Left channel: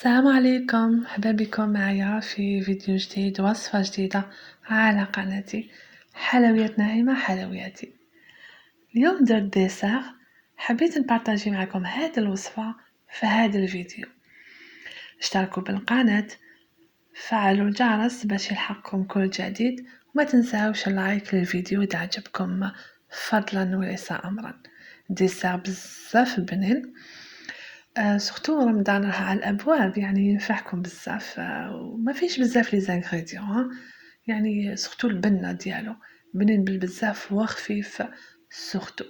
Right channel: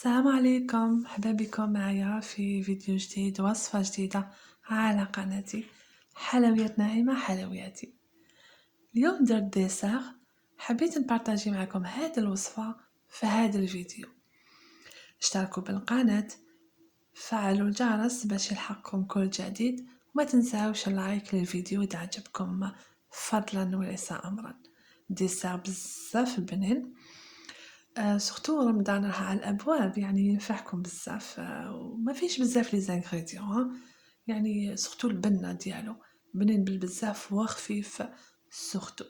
السلام عليكم، مرحبا بكم معايا في فيديو جديد وصفة جديدة على قناتي حلويات ناعمة حلوياتي. اليوم درت ديسير، حبيت نبارطاجي معكم هذه الوصفة في هذا الفيديو. اشتركوا بالقناة، فعلوا الجرس باش يلحقكم كل جديد، وما تنساوش اللايك للفيديو إذا عجبكم فضلا وليس أمرا. ديسير بزاف بنين، سورتو رمضان راه على الابواب، يعني ينفعكم بزاف، وما فيش بزاف لي زانغريديون، يعني سورتو البنه ديالو بنين بالبزاف وخفيف سورتو.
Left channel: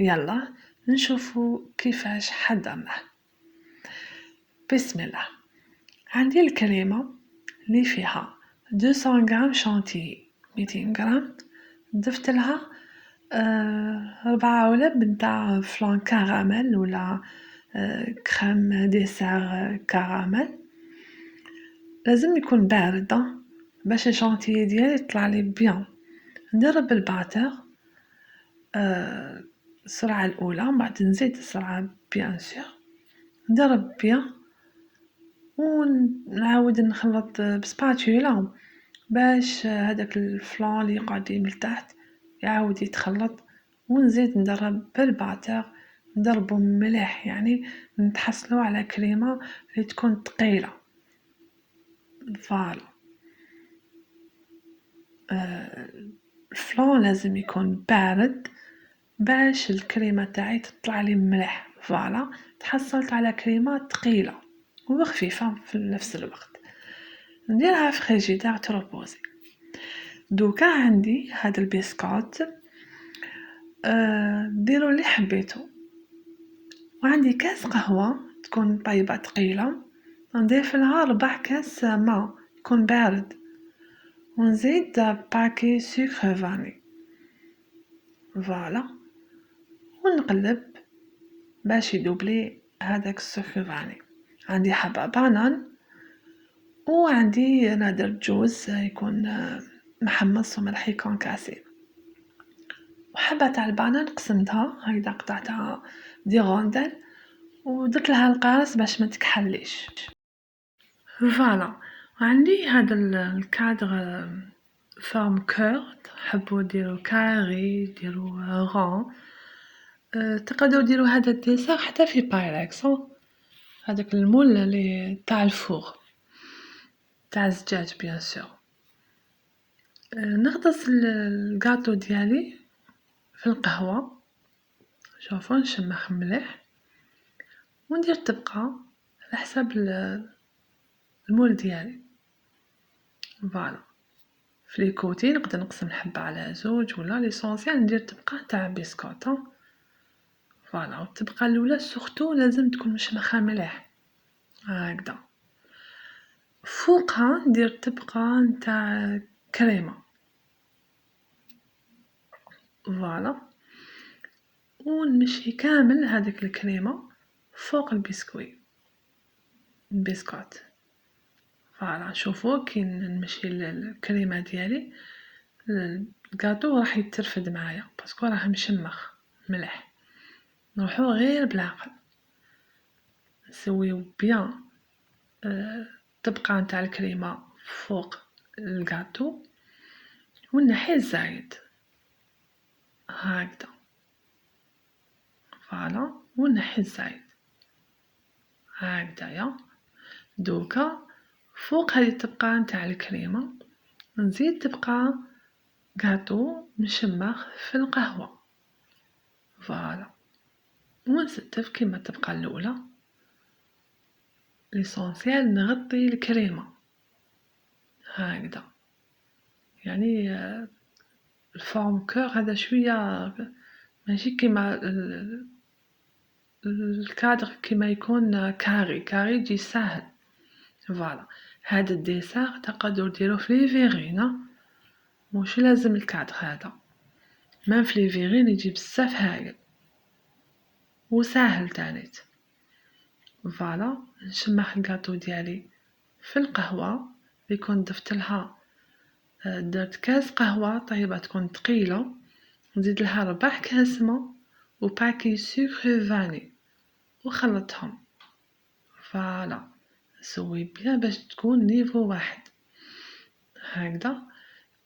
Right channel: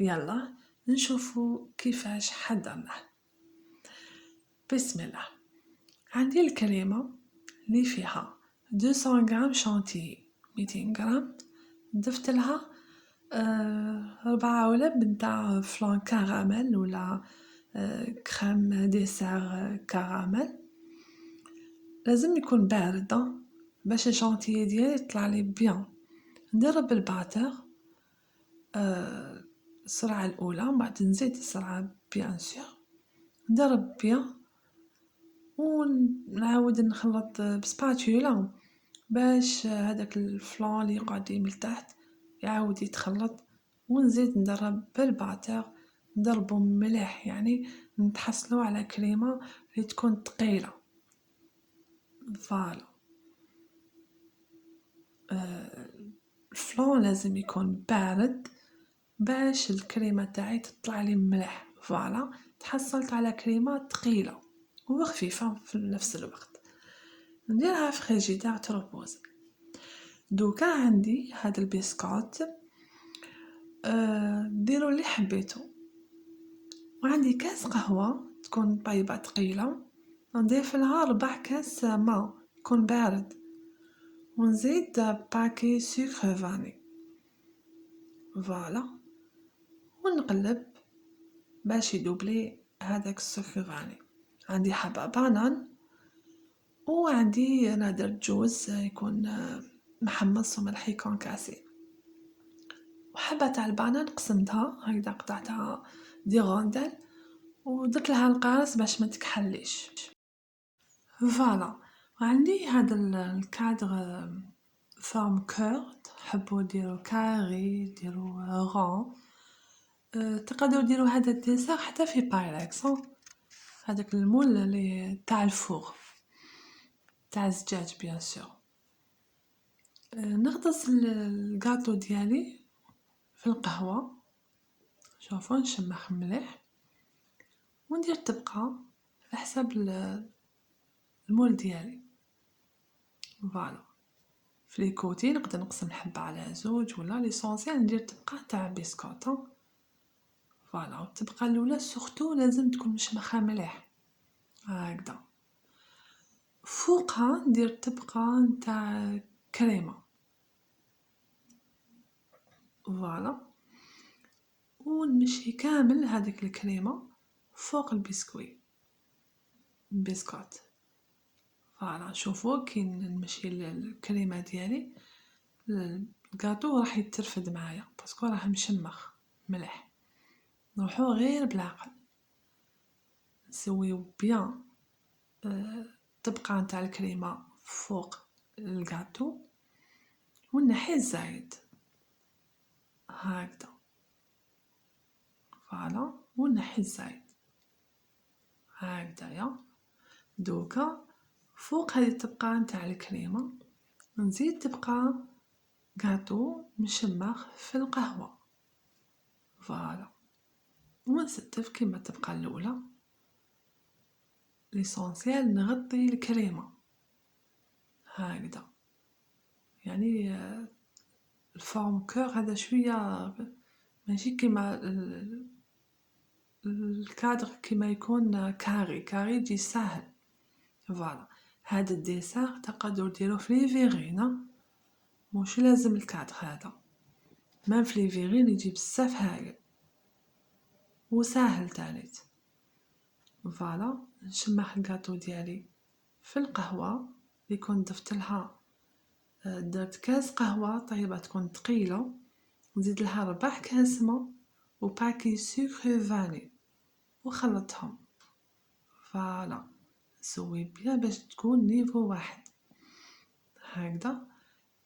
يلا نشوفوا كيفاش حضرناه. بسم الله. عندي الكريمه اللي فيها 200 غرام شانتيي، 200 غرام ضفت لها 4 علب نتاع فلان كراميل ولا كريم ديسير كراميل. لازم يكون بارد باش الشانتيي ديالي يطلع لي بيان. نضرب الباتر السرعه الاولى، من بعد نزيد السرعه بيان سور، نضرب بيان ونعاود نخلط بسباتولا باش هذاك الفلان اللي يقعد من التحت يعاود يتخلط، ونزيد نضرب بالباتر، نضربو مليح، يعني نتحصلو على كريمه اللي تكون ثقيله. فوالا الفلان لازم يكون بارد باش الكريمه تاعي تطلع لي مليح. فوالا تحصلت على كريمه ثقيله وخفيفه في نفس الوقت. نديرها في فريجيدير تروبوزي. دوكا عندي هذا البسكوت، ديروا اللي حبيتو. وعندي كاس قهوه تكون طيبه ثقيله، نضيف لها 4 كاس ماء يكون بارد، ونزيد باكي سكر فاني. فوالا ونقلب باش يدوبلي هذاك السكر فاني. عندي حبه بانان، وعندي نادر جوز يكون محمص وملح يكون كاسي. وحبه تاع البانان قسمتها هكذا، قطعتها دي غوندل ودرت لها القارص باش ما تكحليش. فوالا عندي هذا الكادر فورم كور، تحبوا ديروا كاري ديروا رون، تقدروا ديروا هذا الديسير حتى في بايركس، هذاك المول اللي تاع الفور تاع الزجاج بيان سور. نغطس الكاطو ديالي في القهوه، شوفوا نشمخ مليح، وندير طبقه على حسب المول ديالي. فوالا في لي كوتي نقدر نقسم الحبه على زوج، ولا ليسونسيال ندير طبقه تاع بسكوت. فوالا والطبقه الاولى سورتو لازم تكون مشمخه مليح هكذا. فوقها ندير طبقه نتاع كريمه. فوالا ونمشي كامل هذيك الكريمه فوق البسكوت. فوالا شوفوا كي نمشي الكريمه ديالي الكاطو راح يترفد معايا باسكو راه مشمخ مليح. نروحو غير بالعقل، نسويو بيان طبقه نتاع الكريمه فوق الكاطو، ونحي الزايد هكذا. فوالا ونحي الزايد هكذايا. دوكا فوق هذه الطبقه نتاع الكريمه نزيد طبقه كاطو مشمخ في القهوه. فوالا ونستف كيما الطبقه الاولى. ليسونسيال نغطي الكريمه هكذا، يعني الفورم كور هذا شويه ماشي كيما الكادر كيما يكون كاري يجي ساهل. فوالا هذا الديسير تقدروا ديروه في لي فيغين، مش لازم الكادر هذا، ما في لي فيغين يجي بزاف هايل وساهل تانيت. فوالا نشمح الكاطو ديالي في القهوه اللي كنت ضفت لها، درت كاس قهوه طيبه تكون ثقيله، نزيد لها 4 كاس ما وباكي سكر فاني وخلطهم. فوالا سوي بيان باش تكون نيفو واحد هكذا.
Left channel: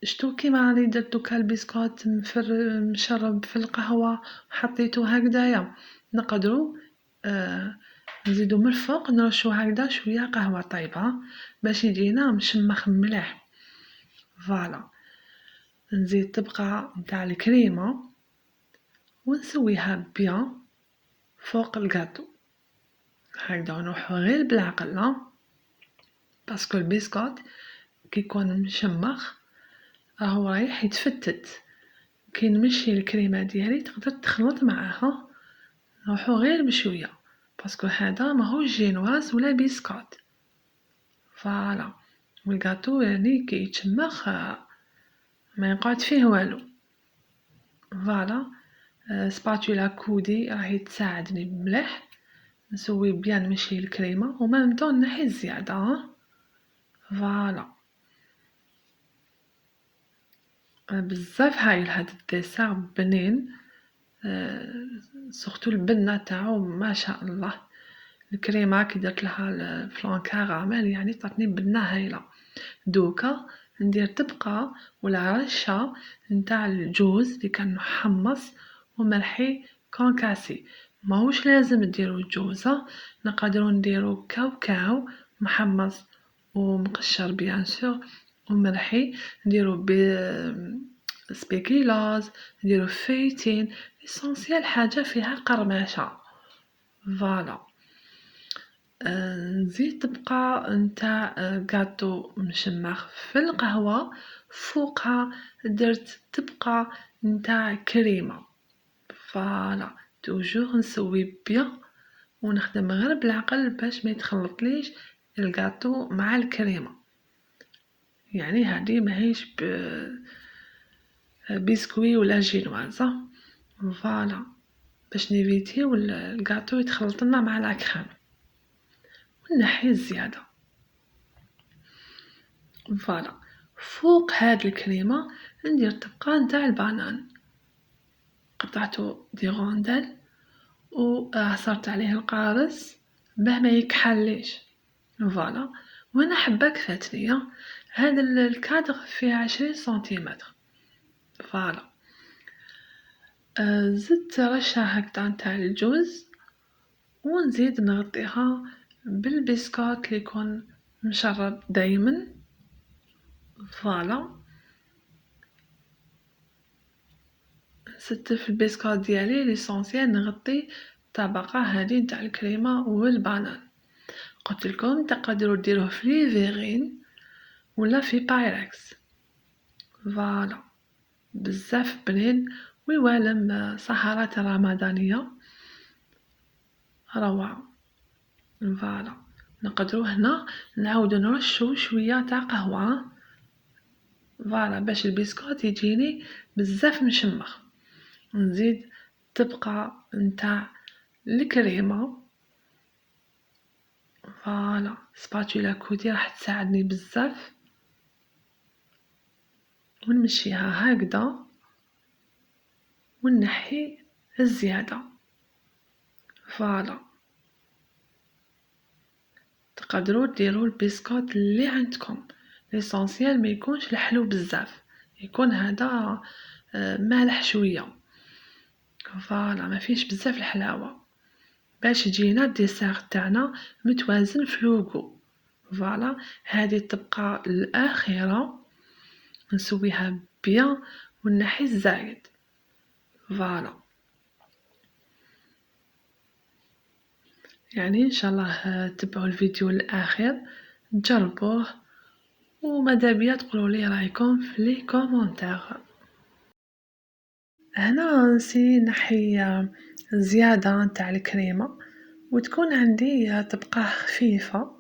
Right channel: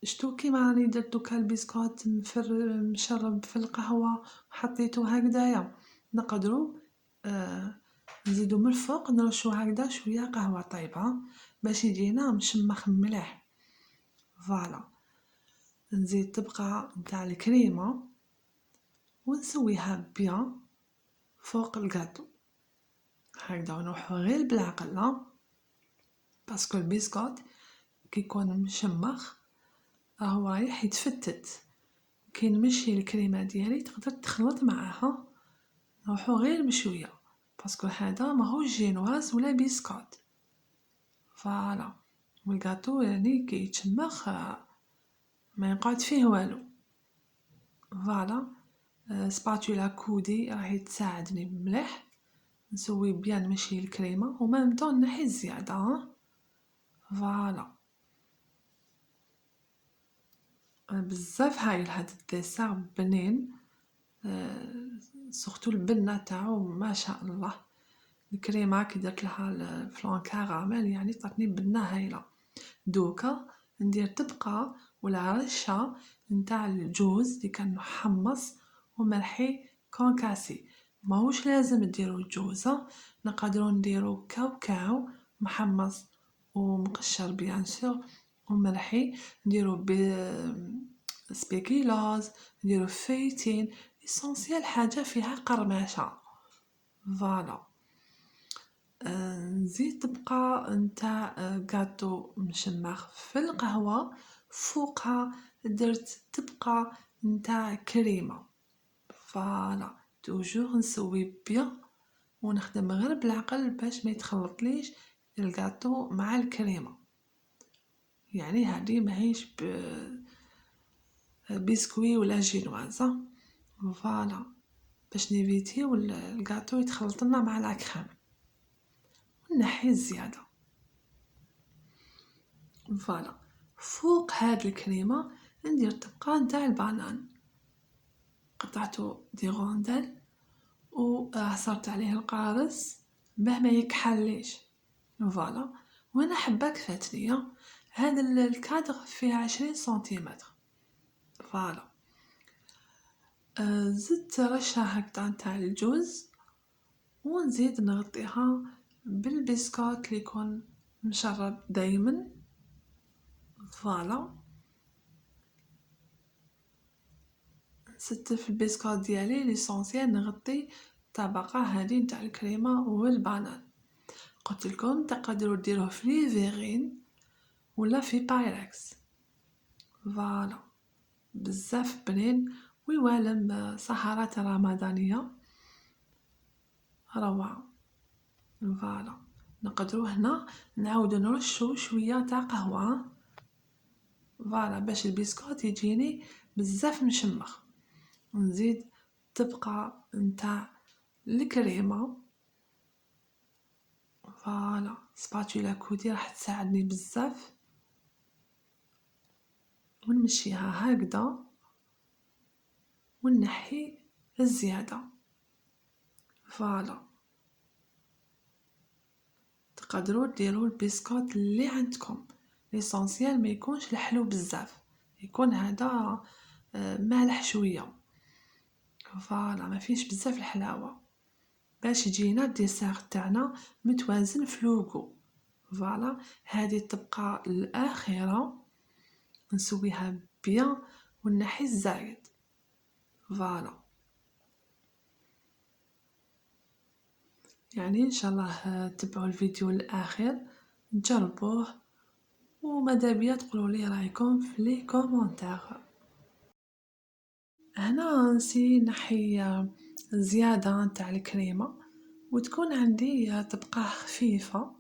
شتو كيما راني درت دوكا البسكوت مشرب في القهوة حطيتو هكذايا، نقدروا نزيدو من الفوق نرشو هكذا شويه قهوة طايبة باش يجينا مشمخ مليح. فوالا نزيد طبقة نتاع الكريمة ونسويها بيان فوق الكاطو هكذا، ونروحو غير بالعقل باسكو البسكوت كي يكون مشمخ راهو رايح يتفتت، كي نمشي الكريمة ديالي تقدر تخلط معاها، نروحو غير بشوية باسكو هذا ماهوش جينواز ولا بسكوت. فوالا والكاطو يعني كي يتشمخ ما يقعد فيه والو. فوالا سباتولا كودي راهي تساعدني مليح نسوي بيان نمشي الكريمة وما مطون نحي الزيادة. فوالا بزاف هايل هاد الديسير بنين، سورتو البنة تاعو ما شاء الله، الكريمة كي درت لها الفلان كراميل يعني تعطني بنة هايلة. دوكا ندير طبقة ولا رشة نتاع الجوز اللي كان محمص وملحي كونكاسي، ماهوش لازم نديرو الجوزة، نقدروا نديرو كاوكاو محمص ومقشر بيان سور وملحي، نديرو سبيكيلاز، نديرو فايتين، ليسونسيال حاجة فيها قرمشة. فوالا نزيد طبقة نتاع كاطو مشمخ في القهوة، فوقها درت طبقة نتاع كريمة. فوالا توجور نسوي بيان ونخدم غير بالعقل باش ما يتخلطليش الكاطو مع الكريمة، يعني هذه ماهيش بسكوي ولا جينوازة. فوالا باش نيفيتيو الكاطو يتخلط لنا مع لاكريم ونحي الزيادة. فوالا فوق هاد الكريمة ندير طبقة نتاع البنان، قطعته دي غوندل وعصرت عليه القارص باه ما يكحليش. فوالا وانا حباك فاتني هذا الكادر فيه 20 سنتيمتر. فوالا زدت رشة هكذا نتاع الجوز ونزيد نغطيها بالبسكوت اللي يكون مشرب دايما. فوالا زدت في البسكوت ديالي ليسونسيال نغطي الطبقة هذه نتاع الكريمة والبنان. قلت لكم تقدروا ديروه في ليفيغين ولا في بايركس. فوالا بزاف بنين ويوالم سهرات رمضانية روعة. فوالا نقدروا هنا نعاودو نرشو شوية تاع قهوة فوالا باش البسكوت يجيني بزاف مشمخ. نزيد طبقة نتاع الكريمة. فوالا سباتولا كودي راح تساعدني بزاف ونمشيها هكذا ونحي الزيادة. فوالا تقدروا ديروا البسكوت اللي عندكم، ليسونسيال ما يكونش الحلو بزاف، يكون هذا مالح شويه. فوالا ما فيش بزاف الحلاوه باش يجينا الديسير تاعنا متوازن في لوغو. فوالا هذه الطبقه الاخيره نسويها بيان ونحي الزايد. فوالا يعني ان شاء الله تبعوا الفيديو الاخير تجربوه وماذا بيا تقولوا لي رايكم في لي كومونتير. هنا نسي نحي زيادة نتاع الكريمة وتكون عندي طبقة خفيفة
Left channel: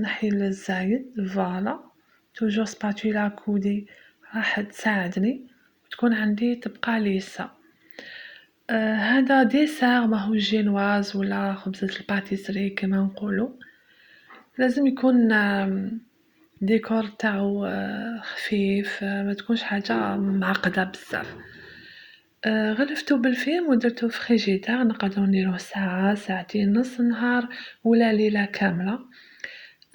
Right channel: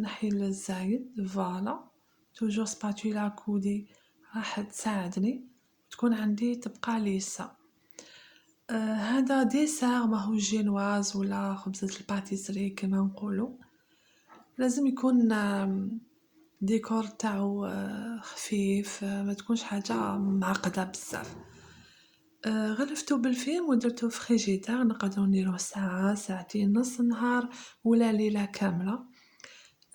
نحي الزايد. فوالا توجور سباتولا كودي راح تساعدني وتكون عندي طبقة ليسة. هذا ديسير ماهو جينواز ولا خبزة الباتيسري كما نقولو، لازم يكون ديكور تاعو خفيف، ما تكونش حاجة معقدة بزاف. غلفتو بالفيم ودرتو في فريجيدار، نقدرو نديروه ساعة، ساعتين، نص نهار ولا ليلة كاملة.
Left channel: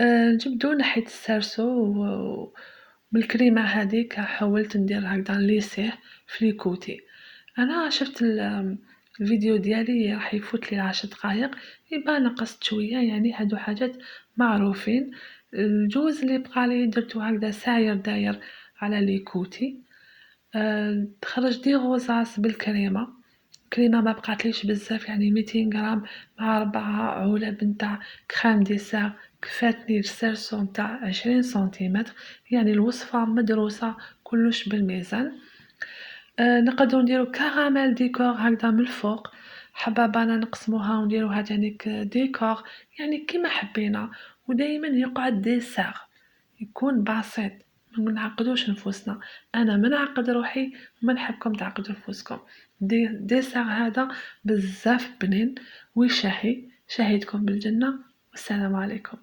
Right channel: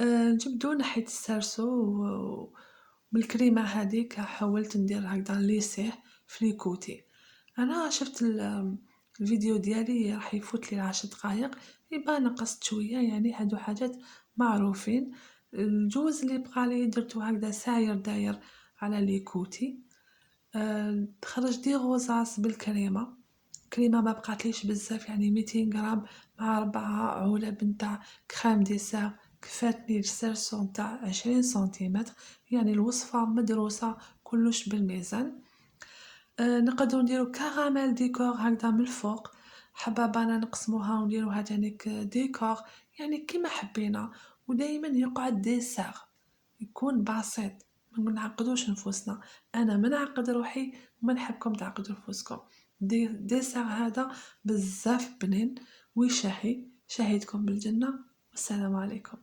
نجبدو نحيت السرسو بالكريمة هاذيك حاولت ندير هكذا نليسيه في ليكوتي. أنا شفت الفيديو ديالي راح يفوتلي ل10 دقايق، يبان نقصت شوية، يعني هادو حاجات معروفين. الجوز اللي بقالي درتو هكذا ساير داير على ليكوتي. خرج دي غوزاس بالكريمة، كريمة ما بقاتليش بزاف، يعني 200 غرام مع 4 علب نتاع كريم ديسير كفاتني السيرسو نتاع 20 سنتيمتر، يعني الوصفة مدروسة كلش بالميزان. نقدرو نديرو كراميل ديكور هكذا من الفوق، حبابانا نقسموها ونديروها تانيك ديكور، يعني كيما حبينا، ودايما يقعد ديسير يكون بسيط، ما نعقدوش نفوسنا. انا ما نعقد روحي وما نحبكم تعقدوا نفوسكم. ديسير هذا بزاف بنين وشهي، شهيتكم بالجنة والسلام عليكم.